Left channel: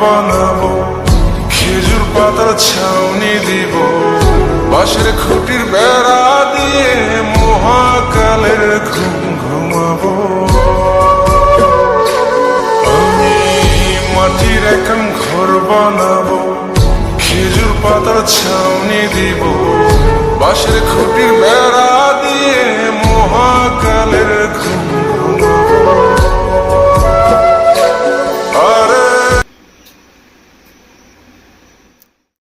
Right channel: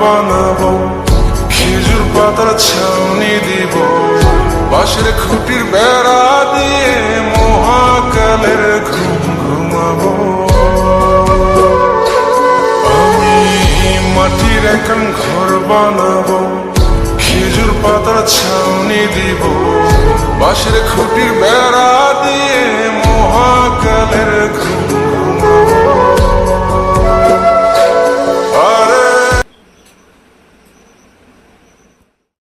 বানাবো, খেজুর পাতার ছাউনি দিব, বাঁশের খুঁটির বেড়া দিয়ে মহাকালের ঘুম ঘুমাবো। আমি মাটির এখন ঘর বানাবো, খেজুর পাতার ছাউনি দিব, বাঁশের খুঁটির বেড়া দিয়ে মহাকালের ঘুম